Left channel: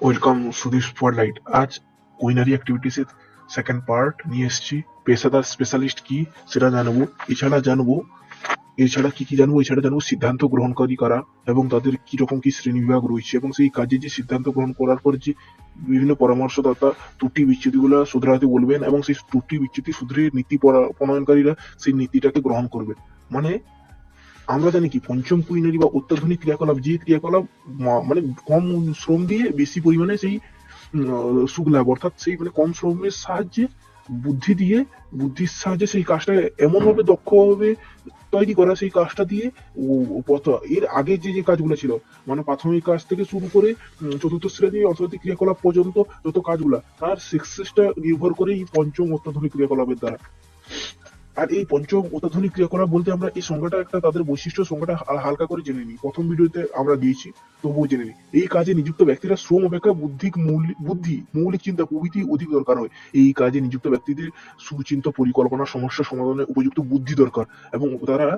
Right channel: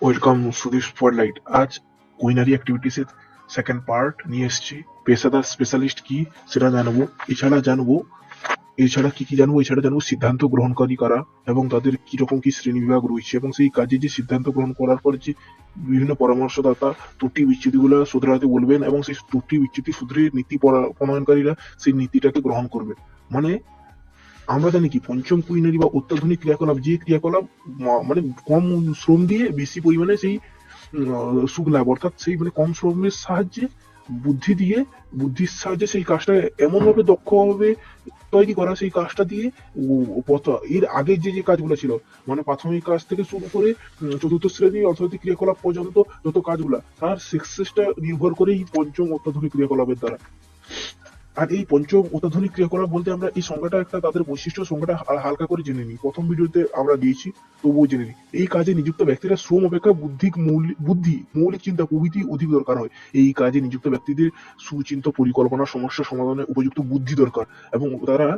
Welcome Sudip spotlight আজ কুইনারি activities এর সেকেন্ড পার্ট নিয়ে এসেছি। পেশাদার স্পেশালিস্ট কি সেটা জানাব, এছাড়া জানব, এছাড়া কি কি জানব, এছাড়া জানব সিদ্ধান্ত গ্রহণকারী কারা এবং তাদের কি রকম কি শ্রেণি বিভাগ রয়েছে এবং সেই কাজে যে সিদ্ধান্ত গ্রহণ করার পর যে বিভিন্ন পরামর্শদাতা ত্রুটি বিচ্যুতিগুলো শুধরাতে বলবেন এবং সেই ত্রুটি বিচ্যুতি শুধরে নীতি পরা- প্রণয়নকারীরা সেই নীতিটাকে গ্রহণ করবে। মানে আমরা জানি কি পঞ্চম কুইনারি বা অত্যাধুনিক ক্রিয়াকলাপ যে ক্রিয়াকলাপ মানে কম শ্রম দিয়ে বেশি পরিমাণে সেই উম, আহ, সুখ লাভ অর্থাৎ সেই মানে কম শ্রমের সাহায্যে বুদ্ধি দিয়ে বুদ্ধির সাহায্যে সেই কাজটা এমন ভাবে দক্ষ ভাবে তৈরি করা সেই কাজটা দিয়ে এর আগে যে যে কাজগুলো ছিল মানে প্রাথমিক কাজ থেকে শুরু করে চতুর্থ শ্রেণি অর্থনৈতিক ক্রিয়াকলাপ পর্যন্ত যত কাজগুলো তার সাকসেসটা নির্ভর করে এই পঞ্চম অত্যাধুনিক ক্রিয়াকলাপের দ্বারা। আর এই পঞ্চম অত্যাধুনিক ক্রিয়াকলাপ বলতে আমরা এই সংজ্ঞাটা একটা তাদের বৈশিষ্ট্য সংজ্ঞাটা হালকা করে জেনে নিই। প্রথম ভিডিওতে আমরা দিয়েছি, তবুও জেনে নিই। এই কাজে নিযুক্ত ব্যক্তিরা শ্রম অপেক্ষা বুদ্ধিক বুদ্ধি, মৌলিক চিন্তা প্রভৃতি অধিক দরকার হয়। এই কাজে নিযুক্ত ব্যক্তিদের সুচিন্ত পরিকল্পনা, সমস্যা সমাধানে উপযুক্ত বুদ্ধি দরকার এবং তারা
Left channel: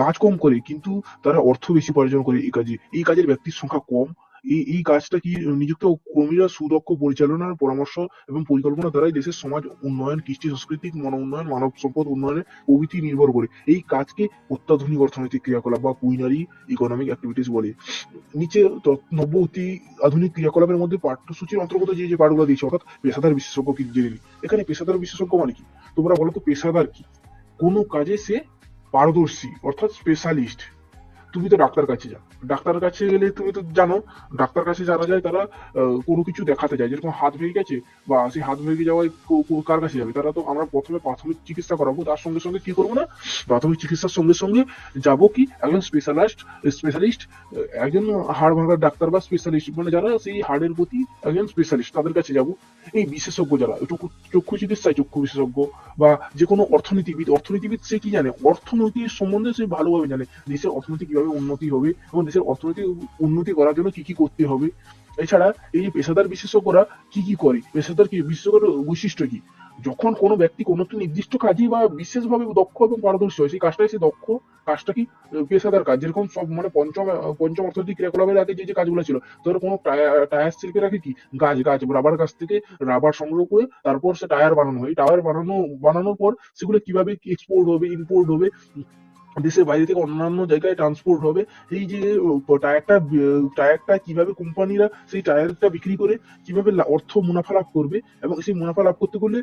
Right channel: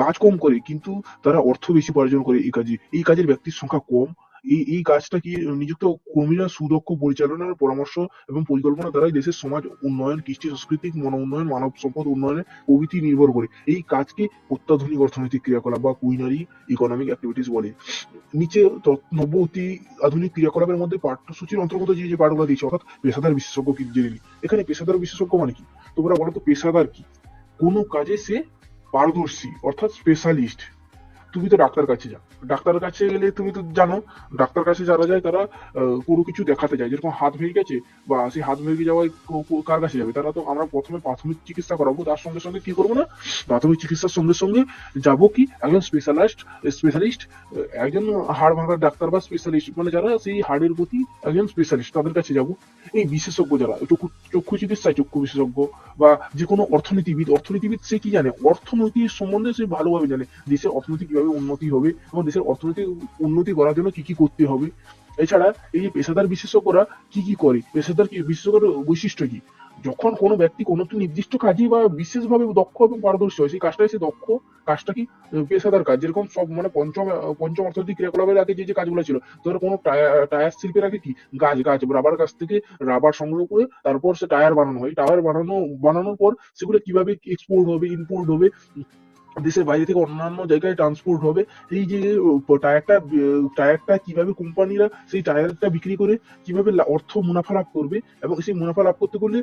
কাজ কম করে, কিন্তু তারা অর্থ বেশি উপার্জন করে এই কাজে। এই কাজের ব্যক্তির সংখ্যা কম এই এই কাজটা কি নিযুক্ত কর্মীরা সুদক্ষ পরিচালনার পরামর্শ এবং পরিকল্পনা দ্বারাই দেশের সমাজ উন্নয়ন, কৃষ্টি, সাংস্কৃতিক মন উন্নয়ন মানব সম্পদ উন্নয়নে প্রভৃতি নির্ভর করে? এই কাজকে অত্যাধুনিক অর্থনৈতিক ক্রিয়াকলাপ বা কুইনারি ইকোনমিক অ্যাক্টিভিটিস বলে। নিচে নব্য অতি আধুনিক ক্রিয়াকলাপের মধ্যে পাঠ্যসূচির অন্তর্গত যে যে পাঠগুলো দিয়েছে, অর্থাৎ পেশাদার বিশেষজ্ঞ কি জেনে এখানে পেশাদার বিশেষজ্ঞ মানে কি? তোমরা বলো তো, পেশাদার কি? কোনো কাজে সে পারদর্শী, অর্থাৎ স্পেশালিস্ট তুমি তো ডাক্তার কাছে যাও। ডাক্তার কাছে গেলে তুমি তো জানো, ডাক্তার কাছে যারা যায় তারা কোনো কিছু দেখাতে যায়। যেরকম হাত ভেঙে গেছে বা সেই হাত ভেঙে যাওয়ায় কার কাছে যাবে? তারা তো আমরা প্রথমে প্রাথমিক চিকিৎসা করাবো, তার সঙ্গে সঙ্গে কি করব না? প্রাথমিক চিকিৎসার সঙ্গে সঙ্গে যাব কি? একজন স্পেশালিস্ট স্পেশালিস্ট একজন হাড় ভাঙার ডাক্তার বা স্পেশালিস্ট মানে যারা সেই হাড়ের প্রতি একজন স্পেশালিস্ট তাদের কাছে যাব। এই বিশেষজ্ঞ যারা চক্ষু চক্ষু চিকিৎসায় চক্ষু বিশেষজ্ঞ বা যে কোনো অর্থনীতিবিদ অর্থনীতিবিদ সে কি জানে? অর্থনীতির সম্বন্ধে সে ভালোভাবে জানে দেশের অর্থনীতি কীভাবে উন্নতি হবে, এবং দেশের অর্থনৈতিক উন্নতি করার জন্য কি কি করতে হবে। এছাড়া এই পেশাদার বিশেষজ্ঞরা কি কি করে, পেশাদার কি বিশেষজ্ঞের বৈশিষ্ট্য কি? যখন কোনো ব্যক্তি কোনো একটি নির্দিষ্ট কাজে বা বিশেষভাবে দক্ষ এবং পারদর্শী হয়, সেই কাজটাই সে দক্ষ, কাজটা কি, পেশাদার কাজ, যেরকম সব মানে পঞ্চম পঞ্চম অর্থনৈতিক ক্রিয়াকলাপের আগে যে যে কাজগুলো ছিল, ধরো কোনো টায়া- টায়ার শিল্পের আগে কি, গাছ গাছ, রাবার গাছ থেকে রাবার সংগ্রহ করে তারপর সে টায়ার বানানো হয়। টায়ার বানানো, বানানোর পর সেগুলো কীভাবে এক্সপোর্ট হবে ইম্পোর্ট হবে দেশের বাইরে থেকে অন্যান্য জায়গায় ট্রান্সপোর্ট হবে। এই যে টায়ারটা টায়ারটা কীভাবে কোম্পানিরা সেই টায়ারটা বিক্রি করে কীভাবে অর্থ মুনাফা লাভ করবে এবং সেই মুনাফা লাভ করতে গেলে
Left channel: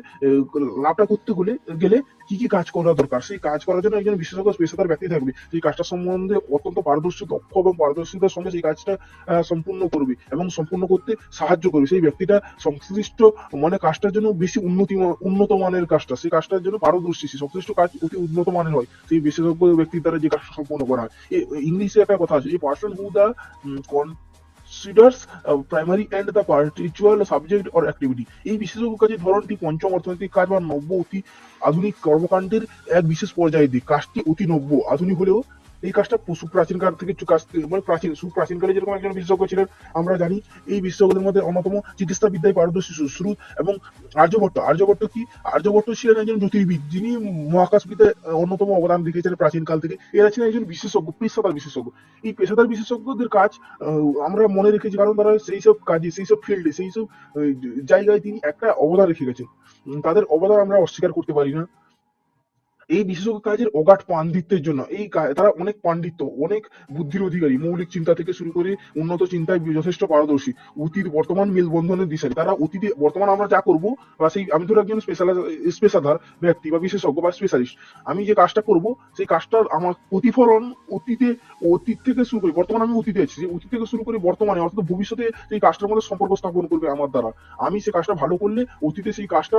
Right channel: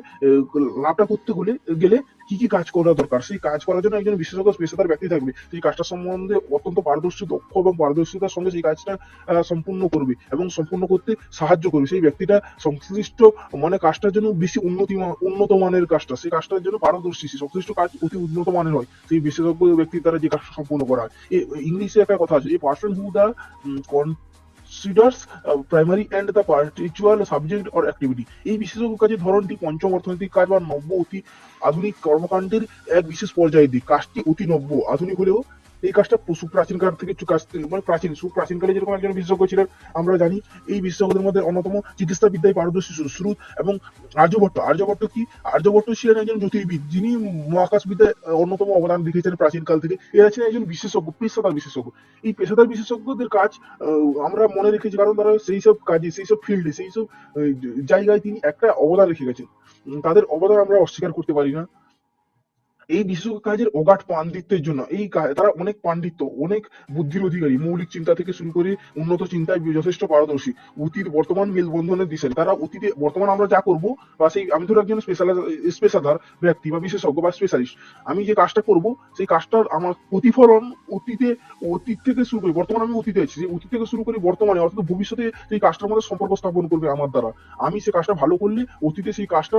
লাভটা করতে গেলে গেলে কি কি কাজ করা দরকার? সেই কাজ করার জন্য একজন বিশেষজ্ঞ পেশাদার ব্যক্তি থাকবে। সেই কাজটা সম্বন্ধে অত্যন্ত পারদর্শী, দক্ষ এবং পারদর্শিতার সঙ্গে সেই কাজটা সম্পূর্ণ করবে এবং সম্পূর্ণ করতে সাহায্য করবে। সেই ব্যক্তিটা সংশ্লিষ্ট মানে কাজটার জন্য বেশি উন্নতি, উন্নত মানের কাজটা, সেই কাজটার জন্য পারদর্শী, সেই সংশ্লিষ্ট কাজ অতি উন্নত মানের হয়। সেই বিশেষজ্ঞ ব্যক্তির দ্বারা যে কাজটা সম্পূর্ণ করা হয়। ইংলিশে একটা কথা আছে এই person who the considers primary and the particular subject or activity. এই বিশেষজ্ঞ কাজের ধরনটি পঞ্চম অর্থনৈতিক কাজ বা নব্য অতি আধুনিক কর্মকাণ্ডের এক বিশেষ পর্যায়ের দিক। কাজটি অতি নব্য। আধুনিক হলেও এই কাজটা পশু প্রাচীনকাল থেকে কাজ মানে প্রাচীন সুপ্রাচীনকালে যেরকম একজন বিশেষজ্ঞ ছিলেন, আমরা জানি এই বিশেষজ্ঞদের মধ্যে অন্যতম চিকিৎসা বিদ্যায় পারদর্শী সুশ্রুত এবং আর্যভট্ট আর্যভট্ট কি? আর্যভট্ট ছিলেন একজন জ্যোতির্বিদ, যিনি মহাকাশ বিদ্যায় অন্যতম অবদান রেখেছেন প্রাচীনকাল থেকে। এরা ছিলেন একজন বিশেষজ্ঞ, পেশাদার বিশেষজ্ঞ। এই পেশাদার বিশেষজ্ঞদের কাজ আমরা মনে রেখেছি, কারণ তারা সেই সব কাজে, সেই সব ফিল্ডে, সেই সব জায়গায় তিনি একটা অবদান রেখে গেছেন। তাদের অবদান আমরা অস্বীকার করতে পারি না। এই বিশেষজ্ঞ কাজের অগাধ পাণ্ডিত্যের জন্য, এই তারা অনেক পাণ্ডিত্য, অনেক বুদ্ধির অধিকারী, মৌলিক চিন্তা থেকে শুরু করে উন্নত চিন্তায় যথেষ্ট পারদর্শী। অতীত, বর্তমান মেলবন্ধনের দিশারি তারা অতীতে, বর্তমান আমরা যা করব, বা সেই আমি ধরো একজন স্পেশাল ব্যক্তি বা বিশেষজ্ঞ বা স্পেশালিস্ট আমি যে কাজটা করব, সেই কাজটার আমার প্রতিফলন অতীতে, অতীত থেকে শুরু করে, বর্তমানে আমি অতীতে আছি অতীত থেকে শুরু করে বর্তমানে, অর্থাৎ ভবিষ্যতে সেই কাজটার মধ্যে সম্পর্ক স্থাপন করবে আমার দ্বারা। আমি সেই কাজটা ভালো করলে অতীতে সেই কাজটা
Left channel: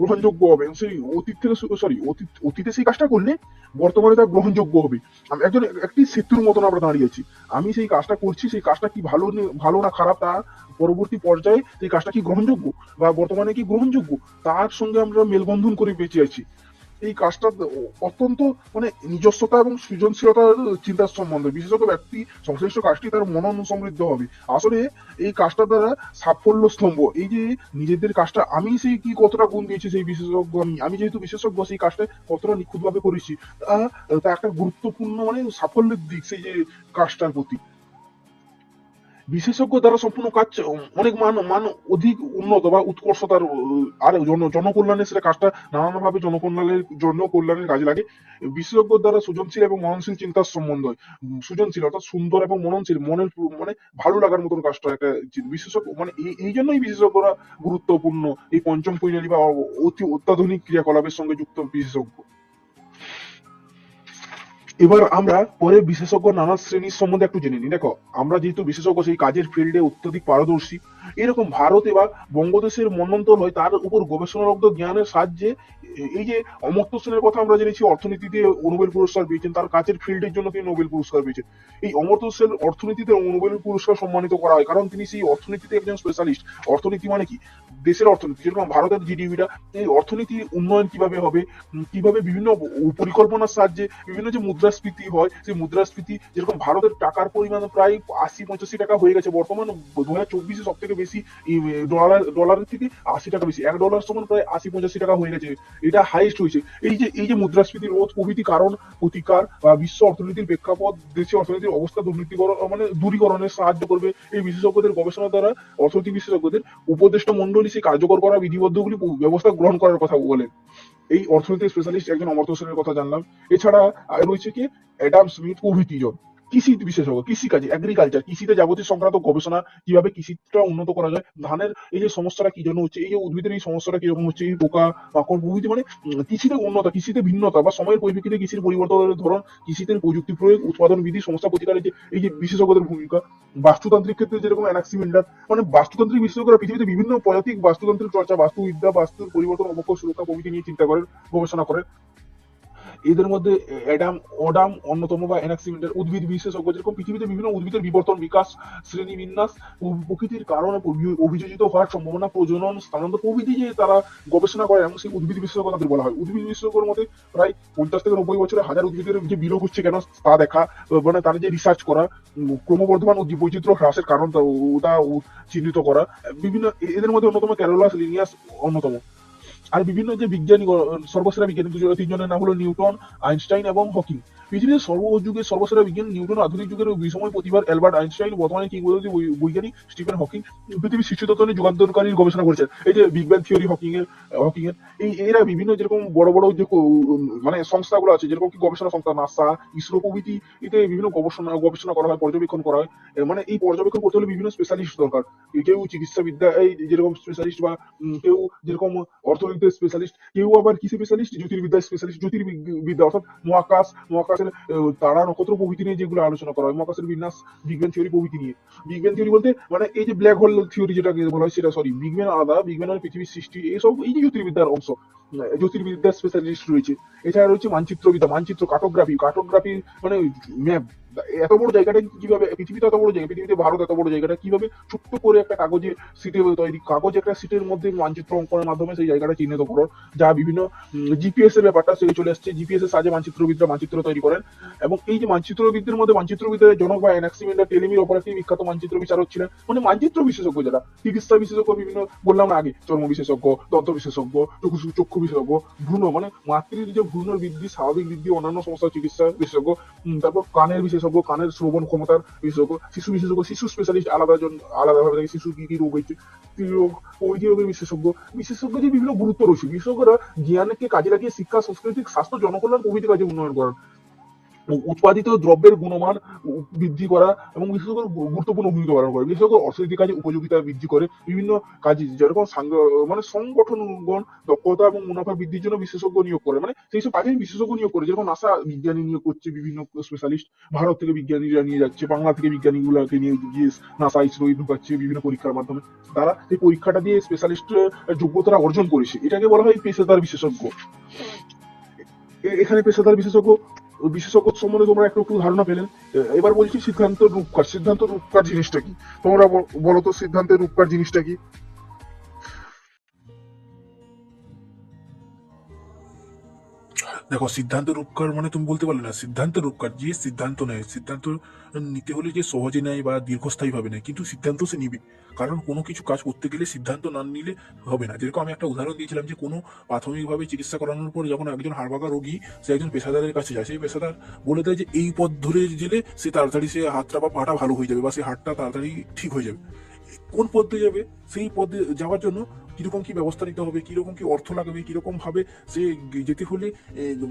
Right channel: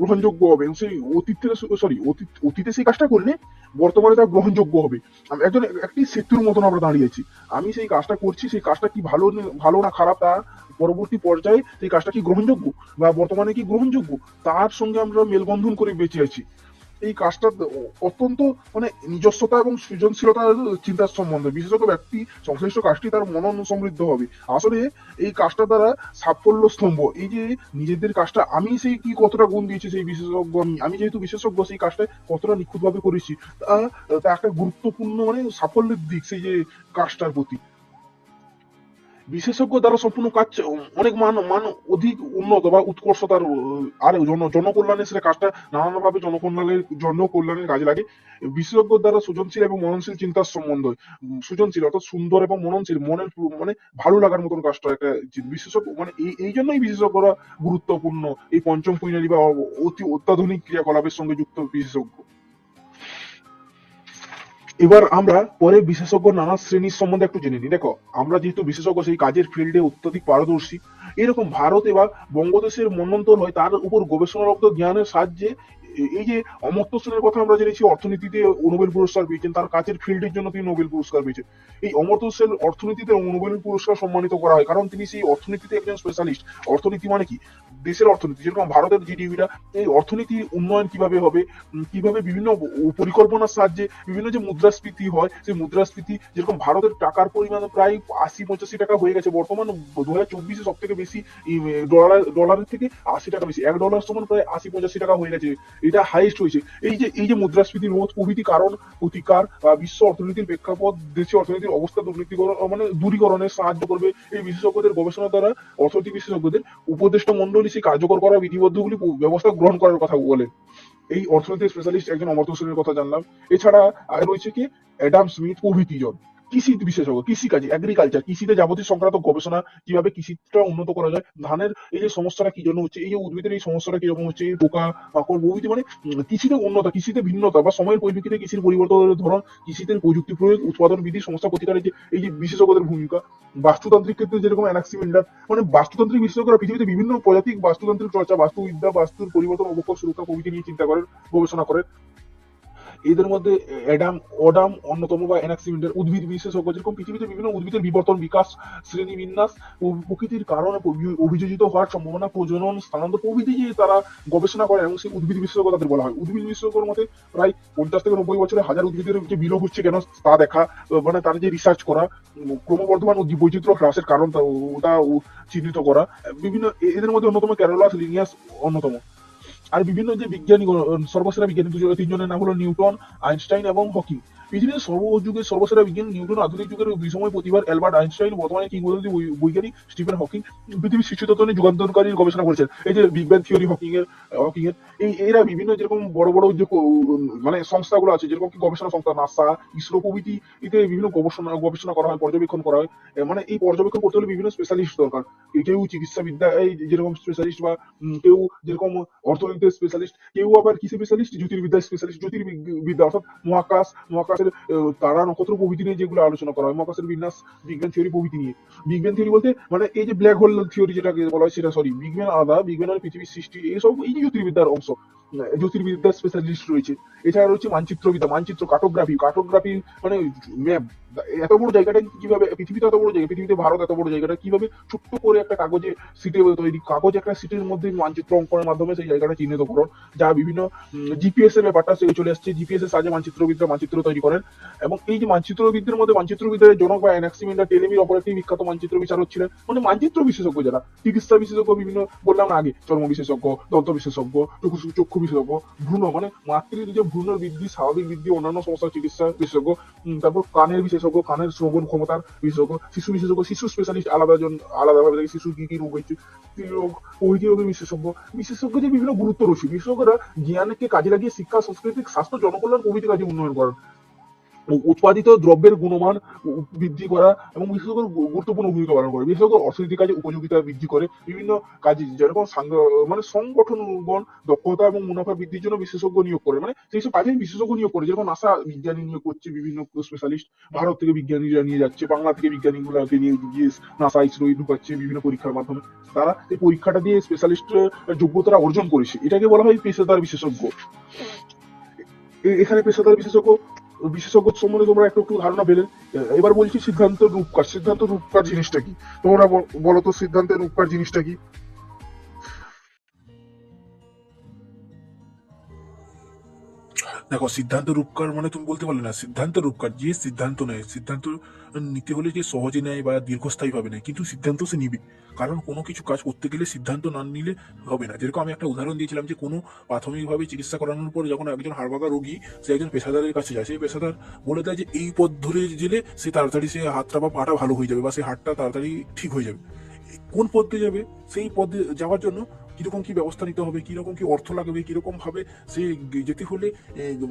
গ্রহণযোগ্য হবে সেই অতীত থেকে সরি অতীত অতীতে সেই কাজটা করলে বর্তমানে তা গ্রহণযোগ্য হবে। আমি একজন একটি সেতুর মতন আমরা দাঁড়িয়েছি আমি সেই কাজটা করছি, সেই কাজটা কি ভালো ভালো না খারাপ তা পরবর্তী পর্যায়ে সেই কাজটা কি গ্রহণযোগ্য বা বর্তমানে কি গ্রহণযোগ্য, তার সঙ্গে আমরা মেলবন্ধন করে বেঁচে আছি। এই কাজটা অত্যন্ত মানে নিজস্বতা এবং সৃজনশীলতার চিন্তার সম্বন্ধে। বিশেষত ব্যক্তি, সংশ্লিষ্ট কাজটি তার মনন সমৃদ্ধ হবে। আসলে এই কাজটা দ্বারা সাফল্য স্তম্ভ। এই যে নিজেদের কাজটা, আমি সেই কি কতটা গুণ দিয়েছি সেই বিশেষজ্ঞ আমি? আমি যেহেতু বিশেষজ্ঞ, সেই কাজটা কতটা নিখুঁতভাবে করেছি, তা তা একটা গুরুত্বপূর্ণ মানে সাফল্যের দিক সেই যে কাজটার প্রতি। বিশেষজ্ঞ দ্বারা সম্পূর্ণ কাজ অনেক মান মান অধিক উন্নত বা উৎকর্ষতার আর জন জনকল্যাণে সেটা কাজটা নানানভাবে জনকল্যাণের জনকল্যাণের কাজে লাগে। বিশেষজ্ঞ দ্বারা সৃজনশীল এবং মননশীল চিন্তার সম্বন্ধ সৃজনশীল অর্থাৎ সুন্দর এবং মননশীল, মনের মানে ভালো লাগার মতন কাজটা একটা বিশেষজ্ঞ মানে এই এই জন্যই বিশেষজ্ঞরা গুরুত্বপূর্ণ এই পঞ্চম পৈনারি বা অতি অত্যাধুনিক ক্রিয়াকলাপের সঙ্গে যুক্ত বিশেষজ্ঞ। এবার আমরা পরে বিশেষজ্ঞ নানা শ্রেণির সম্বন্ধে একটু জেনে নিই। দেখো, আমরা যেহেতু বিশেষজ্ঞ, সেই কাজের ফিল্ডে অত্যধিক পারদর্শী। এরকম ভারতে বা বঙ্গদেশের মন্বন্তর হয়ে তার উপর গবেষণালব্ধ জ্ঞানের সাহায্যে এই যে অমর্ত্য সেনের কথা আমরা জেনেছি, অর্থনীতিতে নোবেল পুরস্কার পেয়েছেন, তার কাজের ফিল্ডের জন্য তিনি নোবেল পুরস্কার পেয়েছেন। এই অমর্ত্য সেন অর্থনীতিতে নোবেল পুরস্কার সম্মানিত করা হয়, কারণ তিনি সেই অর্থনীতিতে একজন স্পেশালিস্ট অর্থনীতি মানে কি? দেশের অর্থনীতি, যেরকম ভারতের জিডিপিটা এই অর্থনীতির উন্নয়ন কীভাবে হবে কীভাবে বিভিন্ন পরিকল্পনার সাহায্যে বিভিন্ন যে মুদ্রাস্ফীতি হয়, সেই মুদ্রাস্ফীতি যেরকম ভারতের টাকার পরিমাণ প্রায় আশি পঁচাশি টাকা হয়ে গেছে, বর্তমান দু হাজার চব্বিশে সব থেকে বেশি ডলার ডলারের থেকে আশি টাকা বেশি, এক ডলার সমান প্রায় আশি পঁচাশি টাকা হয়ে গেছে। এটা হাইস্ট হয়েছে। এই যে এই যে মুদ্রাস্ফীতি রোধ প্রভৃতি কারণ, প্রতিকার বা বিশ্ব অর্থনীতির প্রেক্ষাপট দেশের অর্থনীতির অবস্থা দুর্নীতিকরণ মানে দূরীকরণে সাহায্য করবে এই বিশেষজ্ঞদের গবেষণা দ্বারা, অর্থনীতি বিশেষজ্ঞদের উপদেষ্টা মন্ডলী সেই কার্যকর করা বিধিবদ্ধগুলি ব্যবস্থা গ্রহণ করার কথা বলেন এই অর্থনীতির স্পেশালিস্ট একজন অমর্ত্য সেনের কথা জানলাম। এছাড়া রয়েছে কি? অ্যাডাম স্মিথ প্রভৃতি জন। কৃষি বিশেষজ্ঞ, কৃষিকাজে এগ্রিকালচার কৃষিতে যাবতীয় সংক্রান্ত গবেষণা কীভাবে কৃষিটা উন্নত করা যায়, ধানের এই যে সমস্যাটা কি জন্য হচ্ছে, এই যে উদ্ভিদের এই সমস্যাটা কীরকম হচ্ছে, এই পোকা মাকড় প্রভৃতি মানে কৃষিতে উন্নত, কৃষিতে ভিন্নতা বা সময়ের পরিপ্রেক্ষিতে কৃষির পরিবর্তনের ধরন, কৃষিতে প্রযুক্তি প্রয়োগ, উৎপাদন বিধি সমস্যা প্রতিকারের যে এই যে বিশেষজ্ঞদের ভূমিকা, বাস্তুতান্ত্রিক ক্ষেত্রে যেরকম অ্যানাক্সিমেন্ডার মানে বাস্তুতান্ত্রিক বিশেষজ্ঞরা পৃথিবীতে বিভিন্ন প্রজাতিক বাস্তুতান্ত্রিক চর্চা, বাস্তুবিদ্যা, বাস্তুর পরিবর্তন অবক্ষ সুরক্ষা প্রভৃতি নিয়ে চিন্তা করেন, গবেষণা করেন। এদের মধ্যে অ্যাডাম ওডাম অন্যতম বা অ্যানাক্সিমেন্ডার উদ্ভিদ বিশেষজ্ঞ। যেরকম পৃথিবীতে বিভিন্ন উদ্ভিদের বিবর্তন, বিকাশ শ্রেণীবিন্যাস প্রকৃতির কারণে অভি- অভিযোজিত হওয়ার সম্ভাবনা, প্রজনন স্থানান্তর প্রভৃতি যে তারা গবেষণা করে এবং সেই উদ্ভিদ বিশেষজ্ঞ তাদের বলা হয়। উদ্ভিদ বিশেষজ্ঞর মতে প্রায় পঞ্চাশ থেকে নব্বই বছরে হাজার উদ্ভিদের যে বিলোপ হচ্ছে কেন, তা দেখা মানে তাদের যে রিসার্চ করা, ক্রমবর্ধমান বৈচিত্র্য হ্রাসের কারণ ওটা চিহ্নিত করা। বিভিন্ন এদের মধ্যে অন্যতম ক্যারোলাস লিনিয়াস অন্যতম। আর বিভিন্ন যে বিজ্ঞানী সর্বসেরা বিজ্ঞানী দুজন তিনজনের নাম হলো নিউটন আইনস্টাইন এবং হকিং। পৃথিবীর সর্বযুগের সর্বসেরা বিজ্ঞানী নিউটন আধুনিক যুগের বিষময় প্রতিভার অ্যালবার্ট আইনস্টাইন বর্তমানে কিংবদন্তি বৈজ্ঞানিক স্টিফেন হকিং পৃথিবীর শীর্ষ তত্ত্ব নিয়ে যুগান্তরকারী গবেষণা করেছেন। এই যে বিগ ব্যাং থিওরি হকিং এর হকিং এর এই, এরা বিভিন্ন যেরকম বড় বড় যে মানে সংস্থাগুলো আছে, যেরকম কি গবেষণা সংস্থা নাসা, ইসরো প্রভৃতি, এতে বিভিন্ন গবেষণা গবেষণা করা হয়, পর্যবেক্ষণ করা হয়। মানে এই পর্যবেক্ষণ করতে হলে বিভিন্ন স্পেশালিস্ট দরকার। কেউ চিকিৎসাবিদ্যা, এই যেরকম স্পেশালিস্ট বা কেউ যেরকম অর্থনীতির স্পেশালিস্ট কেউ আবার কি স্পেশালিস্ট জ্যোতির্বিদ্যা স্পেশালিস্ট জ্যোতির্বিদ্যা অর্থাৎ মহাকাশ মহাকাশের আহ, তারা নক্ষত্র প্রভৃতি নিয়ে যেগুলো আলোচনা করা হয়? মহাকাশের বিন্যাস বিগ ব্যাং থিওরি প্রভৃতি নিয়ে। বিগ ব্যাং থিওরি বলতে মানে এই যে ব্ল্যাক হোল থিওরি যেটাকে বলা হয় সেটা সরি বিজ্ঞান আলাদা বিজ্ঞান ব্যাং মানে পৃথিবীর সৃষ্টি এইসব এই যে জ্যোতির্বিদ্যার অংশ জ্যোতির্বিদ্যার স্পেশালিস্ট রয়েছে। এছাড়া রয়েছে মানচিত্রবিদ্যা মানচিত্র কার্টোগ্রাফি কার্টোগ্রাফি মানে ম্যাপ এত বড় জায়গাটা কীভাবে পৃথিবীতে এত বড় জায়গা, পৃথিবীতে ভারত এত বড় জায়গাটা কীভাবে ছোট্ট করে একটা কাগজে সিটে তৈরি, কাগজ একটা সিটের মধ্যে মানচিত্র অঙ্কনের মাধ্যমে সেই জায়গাটা চিহ্নিত করো, যা বিভিন্ন জিপিএস এর ব্যাপারটা সে চলে আসছে জিপিএস এর সাহায্যে মানচিত্রবিদরা মানচিত্র তৈরি করেন, এবং এই যে মানচিত্রবিদদের মধ্যে মানচিত্রবিদ্যার জনক বা অ্যানাক্সিমেন্ডার টেলেমির অপর একটি বিখ্যাত মানচিত্র বিচারক ছিলেন মানে মানচিত্র বিশেষজ্ঞ যারা, চিকিৎসা বিশেষজ্ঞ বিভিন্ন, বললাম আগে, চর্ম বিশেষজ্ঞ, দন্ত বিশেষজ্ঞ, চক্ষু- চক্ষু বিশেষজ্ঞ, ভ্রূণ মানে মাতৃ যে ভ্রূণের বৃদ্ধি, স্বাভাবিক বৃদ্ধি, অন্যান্য সমস্যার চিকিৎসা বিশেষজ্ঞ তারপর কানের বিশেষজ্ঞ কানের শ্রবণ ক্ষমতার বিশেষজ্ঞ, শিশু বিশেষজ্ঞ, শিশু স্পেশালিস্ট আলাদা জন আলাদাভাবে দেখে শিশু কি কি রোগ হয়েছে প্রভৃতি রোগের বিশেষজ্ঞ। বিশেষজ্ঞ যে বিভিন্ন গুরুত্ব রয়েছে। বিশেষজ্ঞরা জ্ঞানকে কাজে লাগিয়ে শিক্ষা সাংস্কৃতিক স্বাস্থ্য, জনকল্যাণ প্রভৃতি কাজে উন্নয়ন করেন। উৎপাদিত দ্রব্যের গুণমান বৃদ্ধি করা এবং বিশেষ গু- গুরুত্বপূর্ণ ভূমিকা পালন করে। বিশেষজ্ঞ অর্থনৈতিক কাজে উপযোগিতা বৃদ্ধি করে বিভিন্ন কাজে, যেরকম মানে সংগঠনগণ দক্ষতা এবং মুনাফা বৃদ্ধির জন্য বিশেষজ্ঞ নিয়োগ করে। মানে সেই সব কাজে বিশেষজ্ঞ নিয়োগ করে। যেরকম নাসা বিজ্ঞানী নিয়োগ করছে, বিভিন্ন স্পেশালিস্ট ভারত থেকে বিজ্ঞানীরা নিয়ে যাচ্ছে, বাংলা থেকে বিজ্ঞানী বিজ্ঞানীগুলোকে নিয়ে গিয়ে নাসা ইসরো ঢুকাচ্ছে বিভিন্ন পরীক্ষার মাধ্যমে। তারা এই পরীক্ষাটা দিয়ে স্পেশালিস্ট যোগ্যতা অর্জন করেছে। এটাকে বলা হয় পেশাদার বিশেষজ্ঞ। এখানে পেশাদার বিশেষজ্ঞ বিশেষজ্ঞ সম্বন্ধে তোমরা একটু একটু ধারণা পেলেন। এবার বলছি সিদ্ধান্ত রূপকার। সিদ্ধান্ত রূপকার জিনিসটা কি? তোমরা বল- তো সিদ্ধান্তের রূপকার জিনিসটা কি? দেখো, সিদ্ধান্ত রূপকার মানে তুমি বলতে পারলে না, সিদ্ধান্ত রূপকার, যে সিদ্ধান্ত নেয়, সিদ্ধান্ত নিতে হলে যে সহজে নেয় বা দীর্ঘস্থায়ী ভাবে নেয়, কিন্তু সিদ্ধান্ত সে নিবে। কারণ কোনো কিছু কাজ করতে গেলে সিদ্ধান্ত না নিলে হবে না। যেরকম আমি একটা উদাহরণ দিয়েছিলাম যে, কোনো প্রাথমিকভাবে চিকিৎসা করানোর পর যখন একজন হাড়ভাঙা রোগী, সে একজন পেশাদারের কাছে যায়, সেই পেশাদার বলে দেয় যে, এই পথ ধরে গেলে সে তাড়াতাড়ি সে হাতটা বা পাটা ভালো হয়ে যাবে বা সে হাতটা তাড়াতাড়ি ঠিক হয়ে যাবে। কোন পথে যাবে? সেই পথে যাওয়ার জন্য কীরকম কী ব্যবস্থা নিতে হবে, কীরকম কী অর্থ লাগবে, কীরকম ভাবে সে যেতে হলে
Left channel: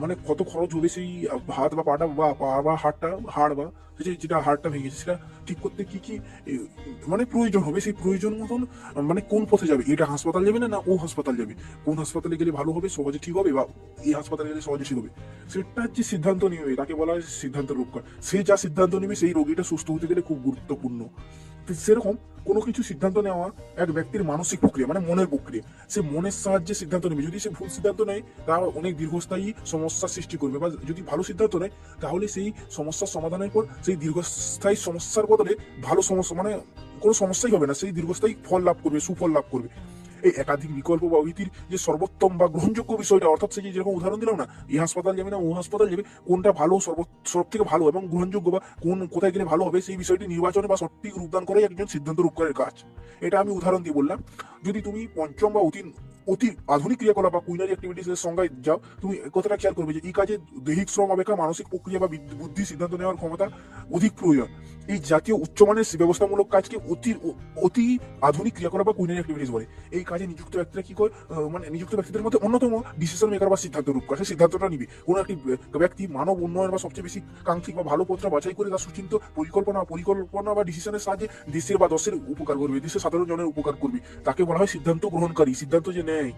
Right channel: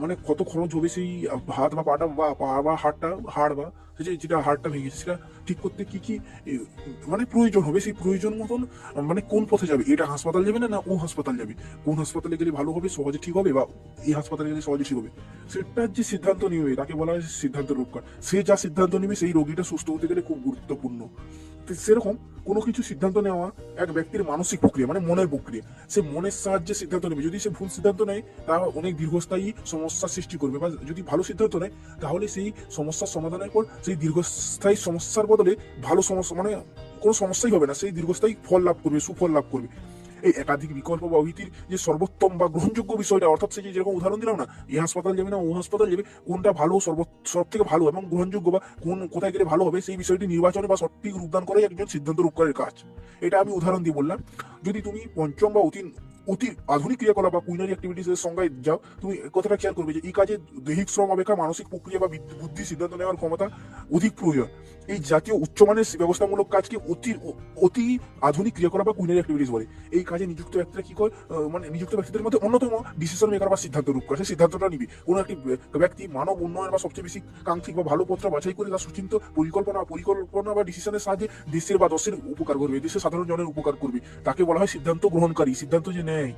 মানে কত খরচ হবে সেই হাত বা পাটা বা পা বা হাড়টা হাড় বা যেটা হাড়টা ভেঙেছে সেটা ঠিক করতে কি কি মানে প্রয়োজন হবে? সেই প্রয়োজন মতন মানে কোন পথে যাবে? এটা হাসপাতাল যাবে না না ও হাসপাতাল যাবে? কোন হাসপাতালে গেলে ভালো হবে, সহজে ঠিক হবে, বা এই হাসপাতালে গেলে সহজে ঠিক হবে? সেটার যে সিদ্ধান্ত নিবে, তাকে বলা হয় সিদ্ধান্ত রূপকার সে যা সিদ্ধান্ত নিবে, সেই রোগীটা সুস্থ হতে গেলে খুব গুরুত্বপূর্ণ। সেরকম কোনো কিছু সিদ্ধান্ত নেওয়া এক ব্যক্তির মানসিক প্রক্রিয়া মানে মনের প্রক্রিয়া। সে মনের সাহায্যে সিদ্ধান্ত নেবে। যদি সে ভুল সিদ্ধান্ত নেয় তা অনেক দীর্ঘস্থায়ী সমস্যার সৃষ্টি করবে। বা যদি ভালো সিদ্ধান্ত নেয়, তাহলে সেই সমস্যার সমাধানের পর, সেই দীর্ঘস্থায়ী সমস্যার বদলে ভালো সমস্যা মানে কোনো সমস্যাই হবে না। সেই দীর্ঘস্থায়ী ফল লাভ করবে, সুফল লাভ করবে। এই একাধিক বিকল্প বা ভীতির যে সর্বোত্তম বা গ্রহণযোগ্য বিষয়টা, অর্থাৎ সে যেরকম উদাহরণ দিলাম না, এই হাসপাতাল যাবে না, ও হাসপাতাল যাবে, কোনটা ভালো সর্ব সব থেকে ভালো এবং গ্রহণযোগ্য বা কোন, কোথায় গেলে ভালো হবে, সেই বিষয়টি নির্বাচনে বা সঠিক রূপদান করে একজন সিদ্ধান্ত রূপকারের কাজ। এটা আমি উদাহরণ দিয়ে বললাম। যদি তুমি পঞ্চম বা অতি অতি আধুনিক ক্রিয়াকলাপ বা কুইনারি অ্যাক্টিভিটিস এর সংজ্ঞায় যাও, তুমি কতটা খেয়াল করবে যে এই কাজে দৈহিক শ্রম অপেক্ষা মানসিক প্রক্রিয়া বা বুদ্ধি সিদ্ধান্ত নেওয়ার ক্ষমতা অধিক প্রয়োজন। এই জাতীয় উচ্চমানের ব্যবস্থামূলক কাজকে অতি অতি আধুনিক ক্রিয়াকলাপ বা কুইনারি অ্যাক্টিভিটিস বলে। এই কাজে নিযুক্ত ব্যক্তিরা কি করে মানে নিযুক্ত ব্যক্তিদের মধ্যে অন্যতম ডিসিশন মেকার বা সিদ্ধান্ত রূপ করে। সে সিদ্ধান্তটা নিবে। কোনো একটি ব্যক্তি মানব উন্নয়ন বা সবচেয়ে বেশি কাঙ্ক্ষিক বা ভালো পত্র বাছাই করে তার সুচিন্ত পরিকল্পনা পরিকল্পনা বা ডিসিশনের সাহায্যে দেশের বা দশের উপকার করবে। দেশের সাধারণ জনের উপকার করবে। তাকে বলা হয় সিদ্ধান্ত গ্রহণকারী। সিদ্ধান্ত যে নেয়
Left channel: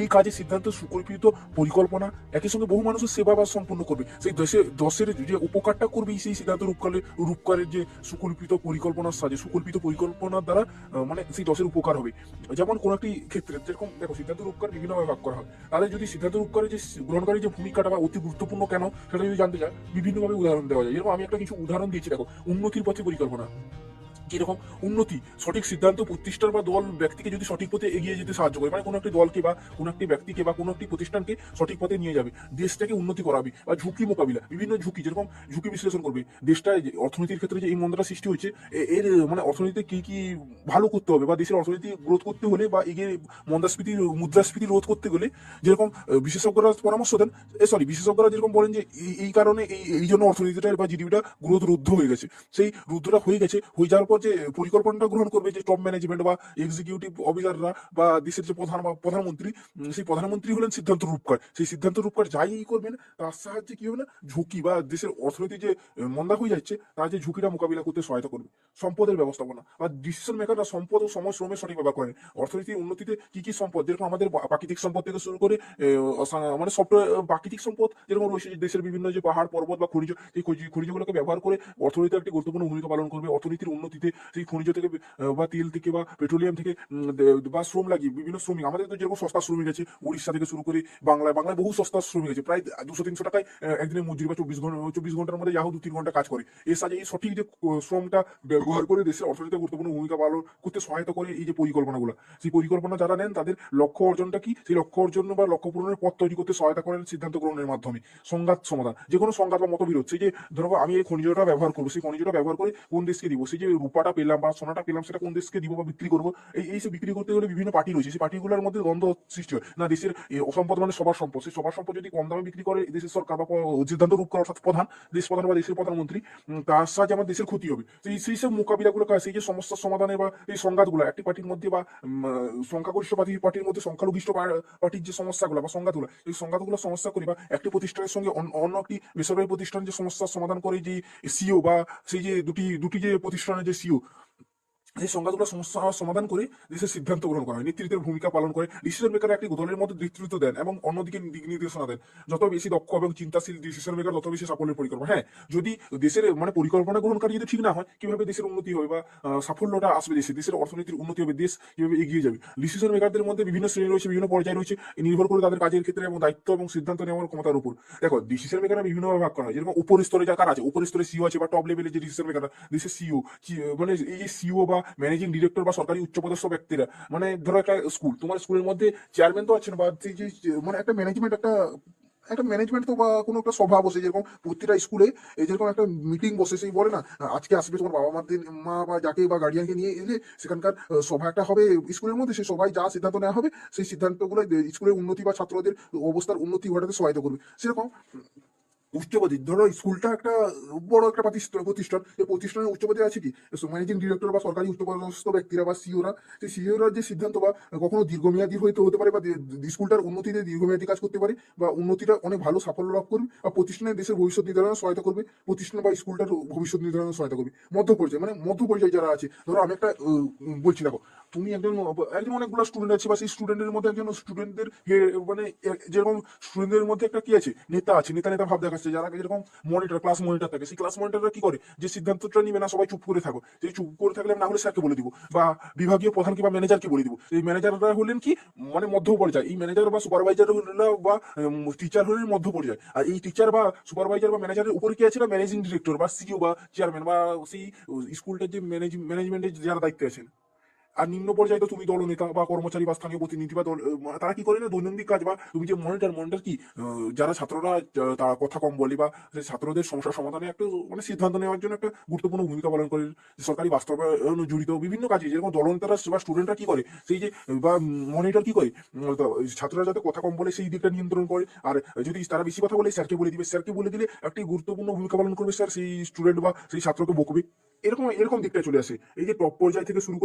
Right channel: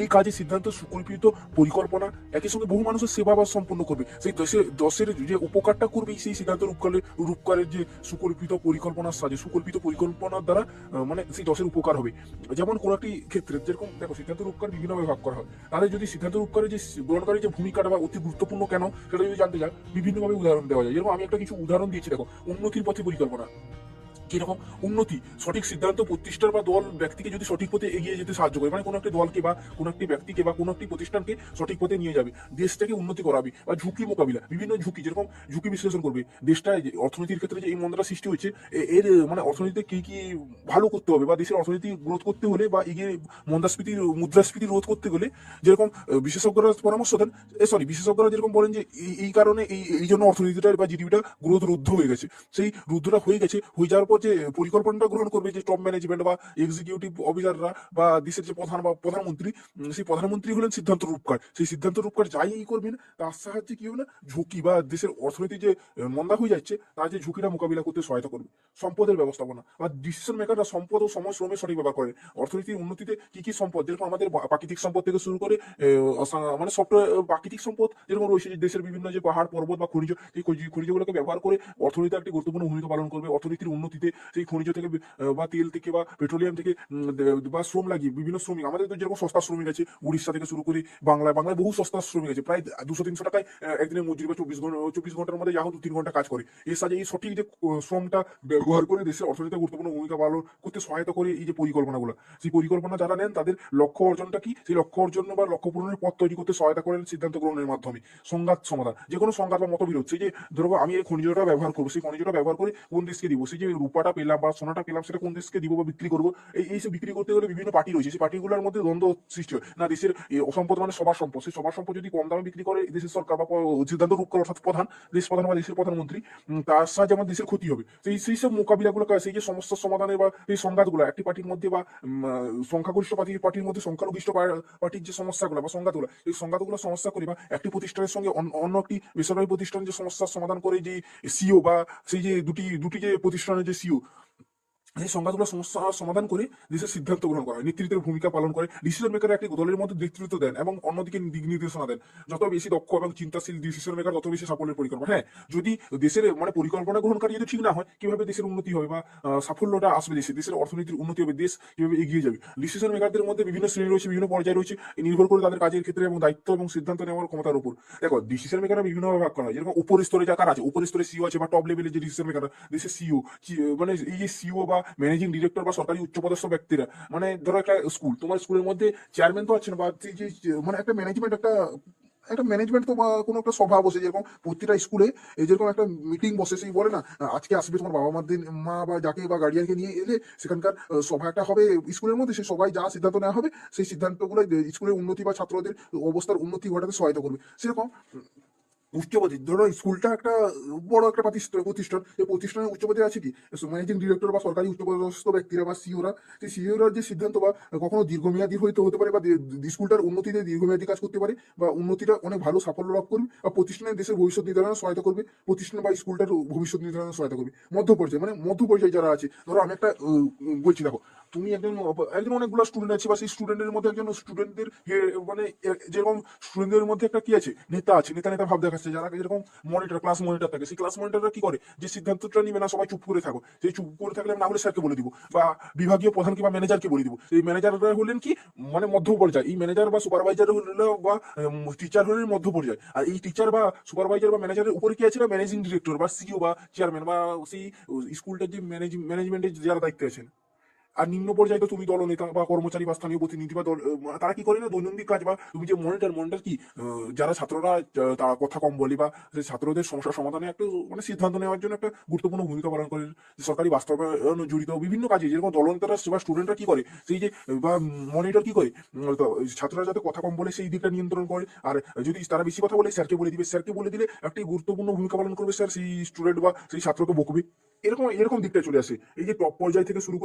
এই কাজে সিদ্ধান্ত, সুকল্পিত পরিকল্পনা, একই সঙ্গে বহু মানুষের সেবা বা সম্পন্ন করবে। সেই দেশে, দশের যে উপকারটা করবে, সেই সিদ্ধান্ত রূপকারের রূপকারের যে সুকল্পিত পরিকল্পনার সাহায্যে সুকল্পিত পরিকল্পনার দ্বারা মানে সেই দশের উপকার হবে। যেমন কোনো একটি ক্ষেত্রে, যেরকম দেখো, সিদ্ধান্ত রূপকার বিভিন্ন ভাগ করা হয়। তাহলে যদি সিদ্ধান্ত রূপকারের যে গ্রহণকারী যে ভূমিকাটা বা অতি গুরুত্বপূর্ণ কেন, সেটা যদি জানতে চায়, বিভিন্নভাবে উদাহরণ দেওয়া যায়। যেরকম আমি একটা কিছু উদাহরণ দিয়েছি, দেখো, উন্নতির পথে পরিকল্পনা। কীরকম উন্নতি, সঠিক সিদ্ধান্ত প্রতিষ্ঠান বা দল ব্যক্তিকে যদি সঠিক পথে এগিয়ে যেতে সাহায্য করে মানে কোনো একটি দলকে বা কোনো একটি ব্যক্তিকে বা কোনো একটি প্রতিষ্ঠানকে সঠিক পথে নিয়ে যাবে, দেশটাকে উন্নতি করাবে বা ঝুঁকি মোকাবিলা, বিভিন্ন ঝুঁকি, যেরকম ঝুঁকি বিশ্লেষণ করবে, দেশটায় যে অর্থনীতির ক্ষেত্রে যে এই মন্দাটা সৃষ্টি হয়েছে এর মানে অর্থনীতিতে কি কি ভালো করতে হবে বা দেশের অর্থনীতি গ্রোথ করতে হলে বা এগিয়ে মুদ্রাস্ফীতির মুদ্রাস্ফীতি রোধ করতে গেলে, যেরকম বিশেষজ্ঞরা পরামর্শ দেন সরি বিশেষজ্ঞরা যেরকম বলেন যে এই কারণে এই এই জন্য অর্থনীতিটা বা জিডিপিটা গ্রোথ রুদ্ধ হয়ে গেছে, সেই রুদ্ধটা হয়ে গেছে, হয়ে যাওয়ার পর যে পরিকল্পনাটা গ্রহণ করবে যে টপ ম্যানেজমেন্ট বা এক্সিকিউটিভ অফিসাররা বা দেশের যে প্রধান বা প্রধানমন্ত্রী, সেই প্রধানমন্ত্রী হলেন সিদ্ধান্ত রূপকার। সেই সিদ্ধান্ত রূপকার যাই এই করবেন, তার সাহায্যে কি হবে না? ঝুঁকি বা দেশের অর্থনীতি যে মন্দা হয়ে যাচ্ছে, তার যে ঝুঁকিটা মোকাবিলা করতে সহায়তা করবে। সম্পদের ব্যবস্থাপনা বা ডিসিশন মেকাররা সম্পদ ও সময় শ্রমের সঠিক ব্যবহার করেন অর্থনীতির উন্নতিতে কি কি সম্পদ? যেরকম আমাদের প্রাকৃতিক সম্পদ থেকে শুরু করে মানে সব প্রাকৃতিক সম্পদ যেরকম রয়েছে, যে দেশের বিভিন্ন যে পাহাড়, পর্বত বা খনিজ এই খনিজ- খনিজগুলোকে ব্যবহার করে অর্থনীতি একটি গুরুত্বপূর্ণ ভূমিকা পালন করবে। অর্থনীতির উন্নতিতে সেই খনিজ থেকে বা তেল থেকে বা পেট্রোলিয়াম থেকে বা শ্রম লাগিয়ে বিভিন্ন শ্রমিক। আমাদের তো যেরকম সস্তা শ্রমিক আছে, উড়িষ্যা থেকে শুরু করে বাংলায় বাংলায় বহু সস্তা শ্রমিক আছে। প্রায় দুশো তিনশো টাকায় একদিনের মজুরি বা চব্বিশ ঘণ্টা, চব্বিশ ঘণ্টার মধ্যে যাহো দু তিন ঘণ্টা কাজ করে। এর সাথে এই সঠিক যে শ্রমটা ব্যবহার করে দেশের অর্থনীতিতে গুরুত্বপূর্ণ ভূমিকা পালন করতে সহায়তা করে এই যে পরিকল্পনাগুলো। সেই পরিকল্পনা যারা নেন, তাদের লক্ষ্য অর্জনটা কি? সেই লক্ষ্য অর্জন বা লক্ষ্য পূরণের পথ তৈরি করতে সহায়তা করেন সিদ্ধান্ত গ্রহণের মাধ্যমে। সংঘাত সমাধান। যে কোনো সংঘাত বা মতবিরোধ। সেই যে, ধরো আমি এই খনিজটা ব্যবহার করব, সেই খনিজটা ব্যবহার করে কোন দেশকে দিব? সেই যে রূপাটা পেলাম বা সোনাটা পেলাম, সেটা কোন দেশকে দিব বা বিক্রি করব, এই এই সব বিক্রি করতে গেলে বিভিন্ন পার্টি রয়েছে। সেই পার্টিগুলোর মধ্যে দ্বন্দ্ব সৃষ্টি হয়। না, দেশের সম্পদ মানে সবার সম্পদ। সেই সবার সম্পদ যদি কম দামে বিক্রি করে দেশের সরকার বা সিদ্ধান্ত রূপ করে, অর্থাৎ প্রধান দেশ প্রধান বা দেশের প্রধানমন্ত্রী তার সাহায্যে আমার দেশের ক্ষতি হবে। সেই সেই সব মোকাবিলাগুলো সেই যে সমস্যার সমাধানের বা এই সংঘাতগুলো, একটি পার্টির মধ্যে বা সংখ্যাগরিষ্ঠ পার্টির পার্টির মধ্যে সংখ্যালঘিষ্ঠ পার্টির যে সমস্যাগুলো বা সংঘাতগুলো, এই সংঘাতগুলো সমস্যা করে বা একটি প্রতিষ্ঠানের সঙ্গে অন্য একটি বেসরকারি প্রতিষ্ঠান যে সমস্যার সমাধান করে যে সিও বা সেই যে দুটি দুটি যে প্রতিষ্ঠানের যে সিও এই সংঘাতগুলো সমস্যা সমাধান করে দেশের সিদ্ধান্ত গ্রহণ করা হয়। নেতৃত্বের ভূমিকা পালন করে। ডিসিশন মেকার একটি দলের মধ্যে নেতৃত্ব দেন এবং অন্যদিকে দিক নির্দেশনা দেন। যত বেশি দক্ষ এবং চিন্তাশীল ডিসিশন মেকার তত বেশি সাফল্যের পরিকল্পনা। হ্যাঁ যদি দেশের মানে পরিকল্পনা গ্রহণকারী যদি ঠিক না হয়, কীভাবে দেশের উন্নতি হবে বা সাফল্যটা আসবে দেশে? দেশের অর্থনীতির উন্নতি হবে, দেশ কীভাবে এগিয়ে যাবে? ডিসিশন মেকারদের মধ্যে বিভিন্ন শ্রেণি রয়েছে, বিভিন্ন পর্যায়ে রয়েছে। নির্ভর করে তাদের কাজের ক্ষেত্রে এবং দায়িত্ব এবং সিদ্ধান্ত নেওয়ার ক্ষমতার উপর। দেখো ডিসিশন মেকাররা বিভিন্নভাবে ভাগ করা হয়। যেরকম উপর স্তরে যা কারা আছে, উপর স্তরে সিও আছে বা টপ লেভেলে যে ডিসিশন মেকাররা দেশের সিও মানে এই যে সিও বা ম্যানেজিং ডিরেক্টর বা সরকারি উচ্চপদস্থ ব্যক্তিরা। মানে ধরো একটা স্কুল তোমার স্কুলের মধ্যে চেয়ারম্যান তো আছেন বা যে মানে একটা ম্যানেজমেন্ট একটা একটা ম্যানেজমেন্ট তো বা কোনো একটা সভা বসে, যেরকম প্রতিটা স্কুলে এই যেরকম একটা মিটিং বসে, সেই বলে না, আজকে আসবে তোমার বাবা মার দিন, মা বা যাকে বা গার্ডিয়ানকে নিয়ে এলে সেখানকার সভা একটা হবে স্কুলের মধ্যে, সেই সবাই যা সিদ্ধান্ত নেওয়া হবে, সেই সিদ্ধান্তগুলো স্কুলের উন্নতি বা ছাত্রদের অবস্থার উন্নতি ঘটাতে সহায়তা করবে। সেরকম উচ্চপদে, ধরো স্কুলটা একটা বড় একটা প্রতিষ্ঠান প্রতিষ্ঠান, এই প্রতিষ্ঠানের উচ্চপদে আছে কি? ম্যানেজিং ডিরেক্টর বা সরকারি উচ্চপদস্থ ব্যক্তিরা বা সিওরা সেই সিওরা যে সিদ্ধান্ত বা কখনো দীর্ঘমেয়াদী হইতে হতে পারে বা স্কুলটার উন্নতিতে দীর্ঘমেয়াদী কাজ করতে পারে বা উন্নতিটা অনেক ভালো সাফল্য লাভ করবে বা প্রতিষ্ঠানের দেশের ভবিষ্যৎ নির্ধারণে সহায়তা করবে, প্রতিষ্ঠান বা স্কুলটার ভবিষ্যৎ নির্ধারণে সহায়তা করবে। মধ্য পর্যায়ে মানে মধ্য পর্যায়ে যারা আছে, ধরো আমি একটা বলছি দেখো তুমি একজন একজন অনেকগুলো স্টুডেন্ট আছে বা সেই স্টুডেন্টের মধ্যে একজন স্টুডেন্টদের মানে যেরকম স্টুডেন্টদের মধ্যে একটা কি আছে? নেতা আছে, নেতা নেতা ভাব দেখাচ্ছে, যারা যেরকম মনিটর ক্লাস মনিটর থাকে, সেই ক্লাস মনিটররা কি করে? যে সিদ্ধান্তটা নিবে না, সবাই চুপ করে থাকো। যে চুপ করে থাকলে না হলে স্যারকে বলে দিব, বা বিভাগীয় প্রধানকে বা ম্যানেজারকে বলে দিব। এই ম্যানেজাররা হলেন কি? মানে মধ্য পর্যায়ে। এই ম্যানেজার বা সুপারভাইজার বা টিচার হলেন মধ্য পর্যায়ে। আর এই টিচার বা সুপারভাইজার বা ম্যানেজারের উপরে কি আছে না? ম্যানেজিং ডিরেক্টর বা সিইও বা চেয়ারম্যান বা সেই স্কুলটার যে ম্যানেজিং ম্যানেজমেন্টের যারা দায়িত্বে আছেন। আর নিম্ন পর্যায়ে তুমি দলনেতা বা কর্মচারী বা স্থানীয় প্রতিনিধি বা তারা কি করে না? দৈনন্দিন কাজ বা তুমি যে মনিটর মনিটর কি? যারা ছাত্ররা তারা কথা কম বলে বা ছাত্রদের সমস্যা সমাধানে একটা মানে সিদ্ধান্ত নেওয়ার জন্য একটা গুরুত্বপূর্ণ ভূমিকা পালন করে সরকারি বাস্তবায়ন জড়িত বিভিন্ন কাজে। যেরকম দলনেতারা বা স্টুডেন্টরা কি করে? সেই যে, বা মনিটর কি করে? ছাত্ররা যাতে কথা কম বলে সেই দিকটা নিয়ন্ত্রণ করে। আর যদি তারা বেশি কথা বলে, স্যারকে বলে দিবে। স্যারকে বলে দিলে একটি গুরুত্বপূর্ণ ভূমিকা পালন করবে স্যার। সেই স্টুডেন্ট বা সেই ছাত্রকে বকবে। এরকম এরকম দিকটা চলে আসে। এই যে টপ পর্যায় থেকে শুরু